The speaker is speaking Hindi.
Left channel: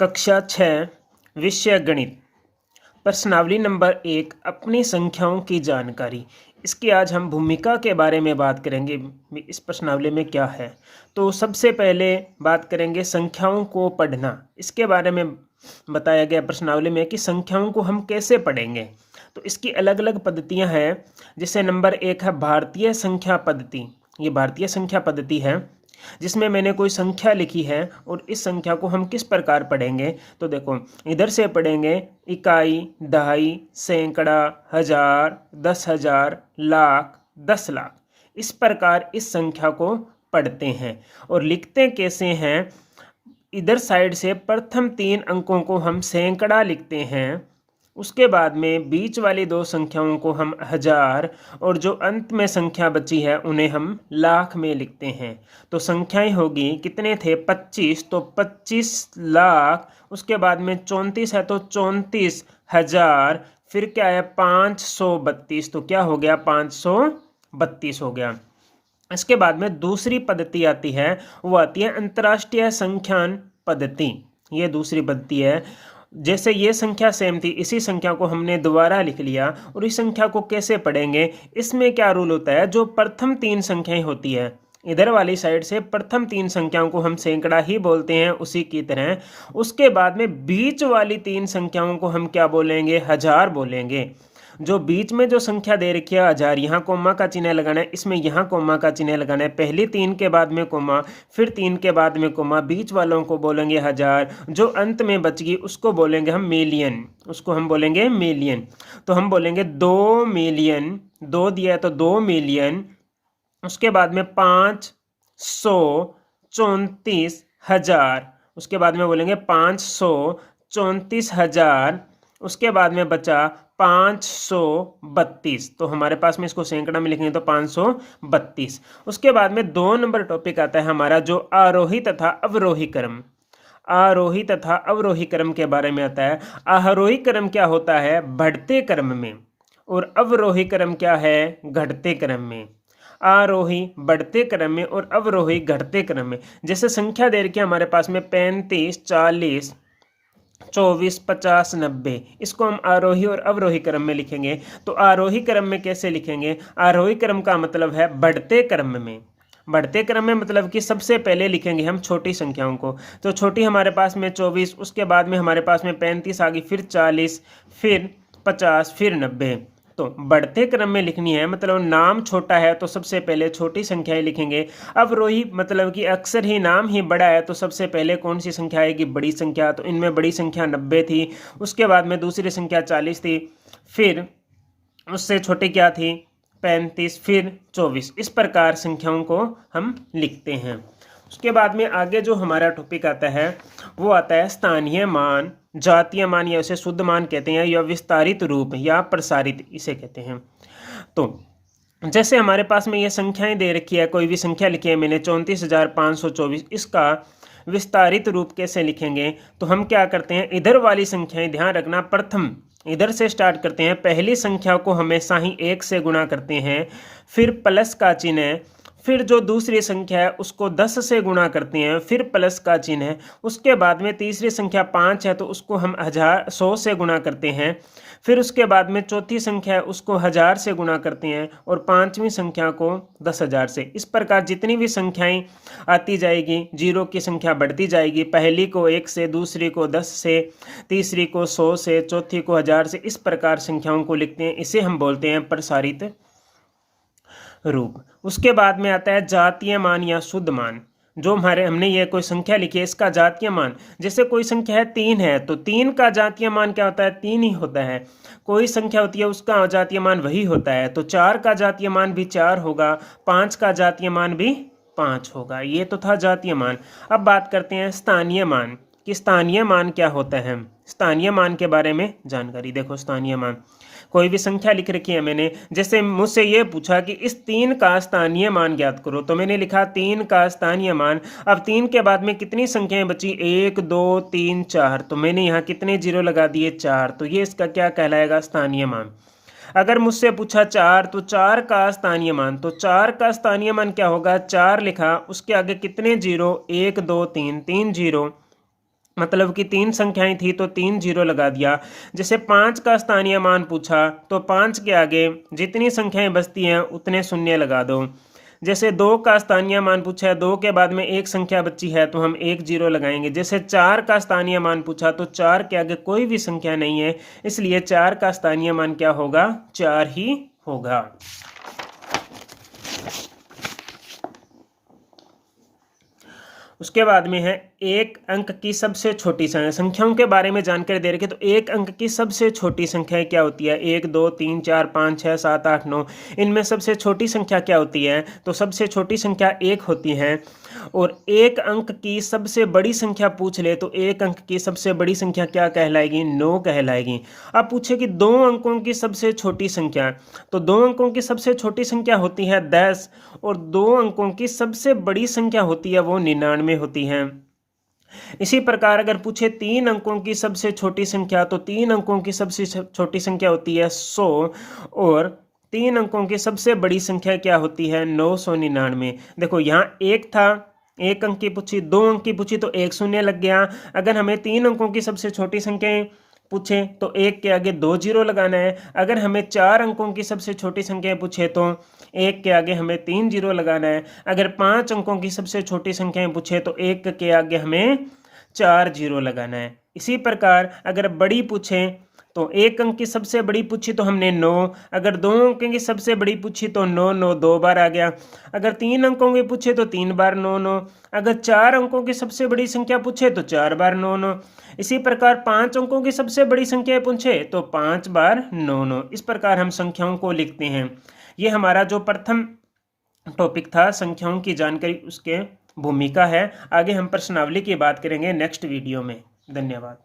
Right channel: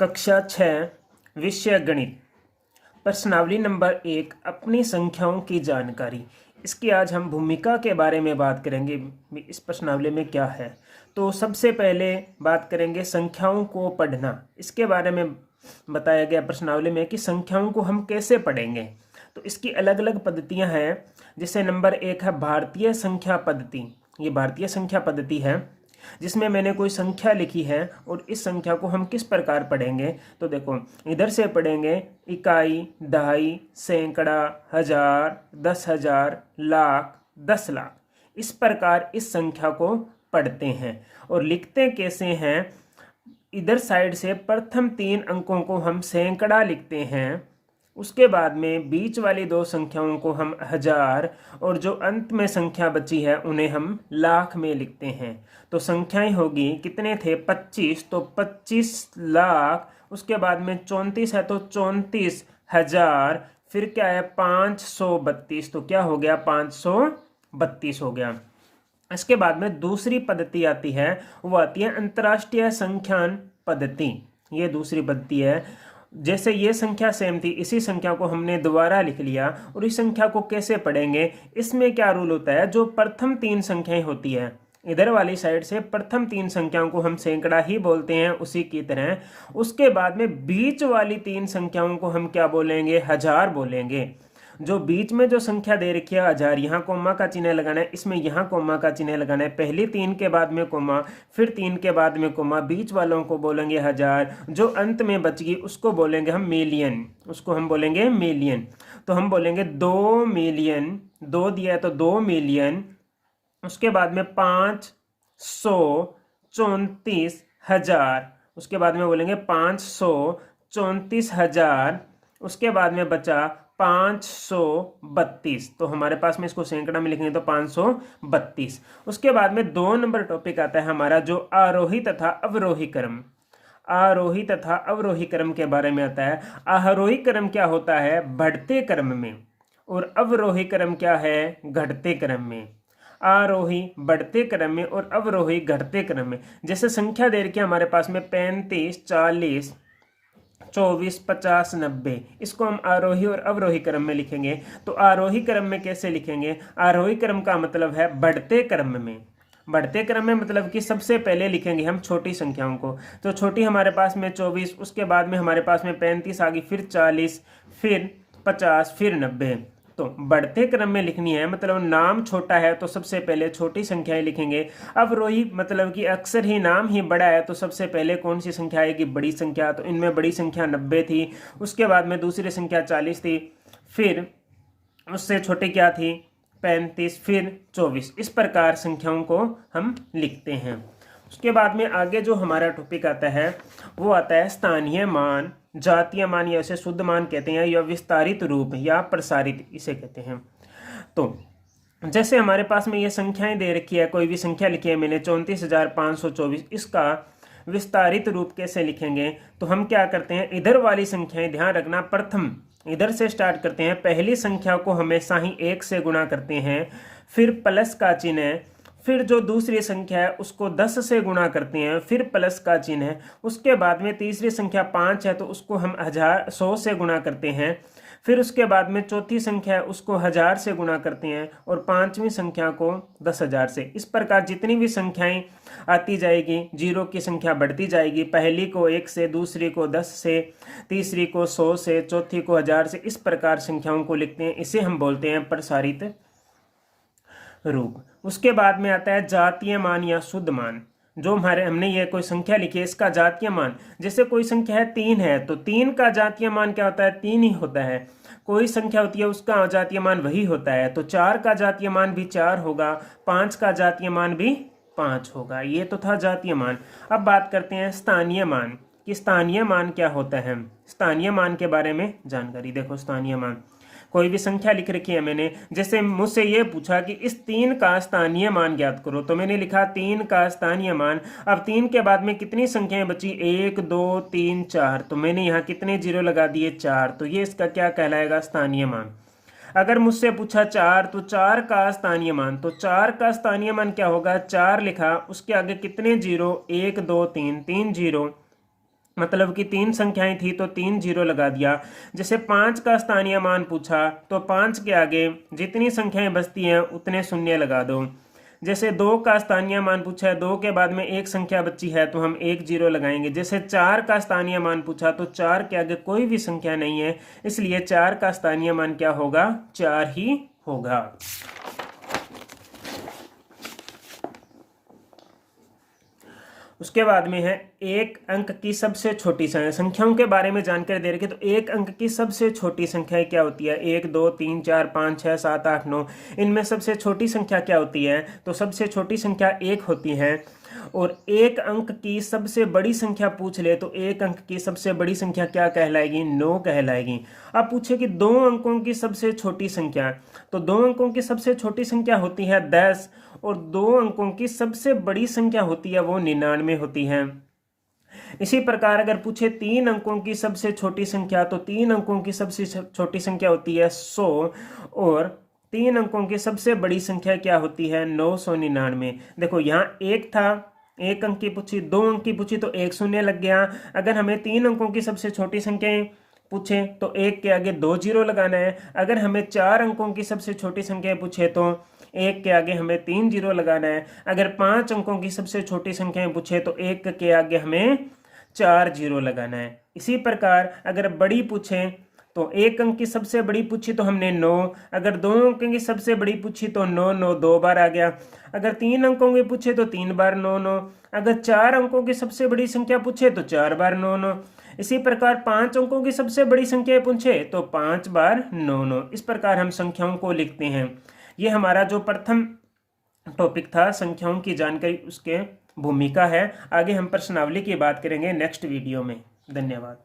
कक्षा 6 विषय गणित। प्रश्नावली नंबर 1 अपनी संख्याओं की जानकारी। इसकी आज हम भूमिका के बारे में बात करेंगे। इस प्रश्नावली में क्या है, तो सबसे पहले बात करेंगे संख्याओं को पढ़ना। इसके बारे में बताया गया प्रश्नावली में कि संख्याओं को हम कैसे पढ़ेंगे। तो इसकी अलग अलग पद्धतियां हैं। जैसे नंबर 1 है भारतीय संख्या पद्धति। ये भारतीय संख्या पद्धति है जिसमें मैंने कोई संख्या लिखी है और इस संख्या को हम किस प्रकार पढ़ेंगे। तो देखो, इधर से पढ़ेंगे इकाई, दहाई, सैकड़ा, हजार, 10,000, लाख, 10 लाख। इस प्रकार इस संख्या को पढ़ते हैं और लिखते कैसे हैं। इधर साइड से प्रथम 3 अंकों को हम सैकड़ा लिखते हैं, उसके बाद में बीच वाली 2 संख्याओं को हम हजार और जो अंत में संख्या बची है उन्हें हम लाख में लिखते हैं। तो संख्याएं होगी, कितने थे 25, तो 25 लाख। उसके बाद में 34 है तो 34,000। फिर क्या है 532, तो क्या हो गया 532 हो गया। इसके बाद में दूसरी पद्धति आती है, वो आती है अंतर्राष्ट्रीय संख्यान पद्धति। ये दूसरी पद्धति है। जैसे ये संख्या सेम थी, इसी संख्या को हमने दोबारा लिख लिया और इस संख्या को कैसे पढ़ेंगे। इसमें क्या रूल होता है, जो प्रथम 3 संख्याएं होती है इधर वाली साइड से प्रथम 3 संख्याओं को हम सैकड़ा ही बोलते हैं उसी की तरह। उसके बाद में बीच वाली 3 संख्याओं को हम क्या बोलेंगे, हजार बोलेंगे। जो बीच में जो संख्या दे रखी है हजार, यहाँ कोमा का चिन्ह लगाना है, इसमें यहाँ कोमा का चिन्ह लगाना है। पहली 3 के बाद में कोमा, फिर 3 के बाद में कोमा, बीच वालों को बोलेंगे हजार। जो अंत में बच गई उसको बोलेंगे हम मिलियन, उसको हम बोलेंगे मिलियन। तो हम बोलेंगे 2 मिलियन, 2 दिया है तो 2 मिलियन। उसके बाद में 534,000, उसके बाद में बोलेंगे 534,000। उसके बाद में बचा 532, तो हमारे पास में इसको सैकड़ा में लिखेंगे तो 532। उसके बाद में 2 नंबर टॉपिक आता है हमारा, जो आरोही तथा अवरोही क्रम। आरोही तथा अवरोही क्रम के बारे में आता है। आरोही क्रम क्या होता है, बढ़ते क्रम में, और अवरोही क्रम क्या है, घटते क्रम में। आरोही बढ़ते क्रम में और अवरोही घटते क्रम में। जैसे संख्या दे रखी है हमारे पास में 35, 40, 24, 50, 90। इसको हम आरोही और अवरोही क्रम में लिखेंगे। तो आरोही क्रम में कैसे लिखेंगे, आरोही क्रम का मतलब है बढ़ते क्रम में। बढ़ते क्रम में मतलब कि सबसे पहले लिखेंगे हम छोटी संख्याओं को। तो छोटी हमारे पास में 24, उसके बाद में हमारे पास में 35 आ गई, फिर 40, फिर 50, फिर 90। तो बढ़ते क्रम में लिखनी है, मतलब नाम छोटा है तो सबसे पहले छोटी संख्याएं लिखेंगे। अवरोही मतलब कि अक्सर ही नाम ही बड़ा है तो सबसे पहले कौन सी संख्या आएगी, बड़ी संख्या। तो इनमें बड़ी संख्या 90 थी, उसके बाद में दूसरी संख्या 40 थी, फिर उससे छोटी क्या थी 35, फिर 24। इस प्रकार संख्याओं को हम लिखते हैं। उसके बाद में आगे जो हमारा टॉपिक आता है वो आता है स्थानीय मान, जातीय मान, या इसे शुद्ध मान कहते हैं, या विस्तारित रूप या प्रसारित इसे कहते हैं। तो जैसे हमारे पास में ये संख्याएं दे रखी है, कोई भी संख्या लिखी है मैंने 34,524, इसका विस्तारित रूप कैसे लिखेंगे। तो हम क्या करते हैं, इधर वाली संख्याएं ध्यान रखना, प्रथम इधर से स्टार्ट करते हैं। पहली संख्या को हमेशा ही 1 से गुणा करते हैं, फिर प्लस का चिन्ह, फिर जो दूसरी संख्या है उसको 10 से गुणा करते हैं, फिर प्लस का चिन्ह है। उसके बाद में तीसरी संख्या 5 है तो उसको हम 100 से गुणा करते हैं। फिर उसके बाद में चौथी संख्या है उसको 1000 से गुणा करते हैं, और 5वीं संख्या को 10,000 से। इस प्रकार जितनी भी संख्याएं आती जाएगी, जीरो की संख्या बढ़ती जाएगी। पहली को 1 से, दूसरी को 10 से, तीसरी को 100 से, चौथी को 1000 से। इस प्रकार संख्याओं को लिखते हैं, इसे हम बोलते हैं प्रसारित रूप। उसके बाद में आता है जातीय मान या शुद्ध मान। जो हमने ये कोई संख्या लिखी है इसका जातीय मान, जैसे कोई संख्या है 3 है तो 3 का जातीय मान क्या होता है, 3 ही होता है। कोई संख्या होती है उसका जातीय मान वही होता है। तो 4 का जातीय मान भी 4 होगा, 5 का जातीय मान भी 5 होगा। ये तो था जातीय मान। अब बात करते हैं स्थानीय मान कि स्थानीय मान क्या होता है। स्थानीय मान के बारे में जानकारी देखो। स्थानीय मान, कोई भी संख्या लिख रखी है मैंने, जैसे मुझसे ये पूछा कि इस 3 का स्थानीय मान ज्ञात करो, तो मैंने लिखा 3 का स्थानीय मान। अब 3 के बाद में कितनी संख्याएं बची, 1, 2, 3, 4। तो मैंने यहाँ कितने जीरो लगा दिए, 4। तो ये इसका क्या कहलाएगा, स्थानीय मान। अगर मुझसे पूछा 4, तो 4 का स्थानीय मान, तो 4 का स्थानीय मान क्या होगा, 4 लिखा, उसके आगे कितने जीरो, 1, 2, 3, 3 जीरो, मतलब कि 3 संख्याएं थी तो 3 जीरो लगा दिया। जैसे 5 का स्थानीय मान पूछा तो 5 के आगे जितनी संख्याएं बचती हैं उतने शून्य लगा दो। जैसे 2 का स्थानीय मान पूछा है, 2 के बाद में एक संख्या बची है तो हम 1 जीरो लगाएंगे। जैसे 4 का स्थानीय मान पूछा तो 4 के आगे कोई भी संख्या नहीं है, इसलिए 4 का स्थानीय मान क्या होगा, 4 ही होगा। उसके बाद में है एक अंक की सबसे छोटी संख्या। संख्याओं के बारे में जानकारी दे रखी है, तो एक अंक की सबसे छोटी संख्या क्या होती है, 1 2 3 4 5 6 7 8 9, इनमें सबसे छोटी संख्या क्या होती है, तो सबसे छोटी संख्या 1 होती है। और एक अंक की सबसे बड़ी संख्या पूछ ले तो एक अंक की सबसे बड़ी संख्या क्या कहलाएगी, 9 कहलाएगी। अब पूछे कि 2 अंकों की सबसे छोटी संख्या, तो 2 अंकों की सबसे छोटी संख्या होती है 10, और 2 अंकों की सबसे बड़ी संख्या होती है वो 99 होती है। इसी प्रकार अगर पूछे 3 अंकों की सबसे छोटी संख्या, तो 3 अंकों की सबसे छोटी संख्या होती है 100, और 3 अंकों की सबसे बड़ी संख्या क्या होती है, 999। देखो यहाँ एक था, एक अंक की पूछी, 2 अंक की पूछी तो एक शून्य लग गया। अगर हमें 3 अंकों की सबसे छोटी संख्याएं पूछे तो एक के आगे 2 जीरो लगाना है। अगर हमें 4 अंकों की सबसे छोटी संख्याएं पूछे तो एक के आगे हमें 3 जीरो लगाना है। अगर 5 अंकों की सबसे छोटी संख्याएं पूछे तो एक के आगे हमें 4 जीरो लगाना है। इसी प्रकार अगर बड़ी पूछे तो एक अंक की सबसे बड़ी पूछी तो हमने 9, अगर 2 अंकों की सबसे बड़ी पूछी तो 9 9 2 बार आ गया। अगर 3 अंकों की पूछे तो 3 बार 9 9, अगर 4 अंकों की सबसे बड़ी संख्या पूछे तो 4 बार 9 9। इसी प्रकार 5 अंकों की सबसे बड़ी संख्या पूछे तो 5 बार 9 9। इस प्रकार हम संख्याओं को लिखते हैं। ये हमारा जो प्रथम टॉपिक था संख्याओं की जानकारी, उसके भूमिका है। आगे हम प्रश्नावली की बात करेंगे नेक्स्ट वीडियो में। धन्यवाद।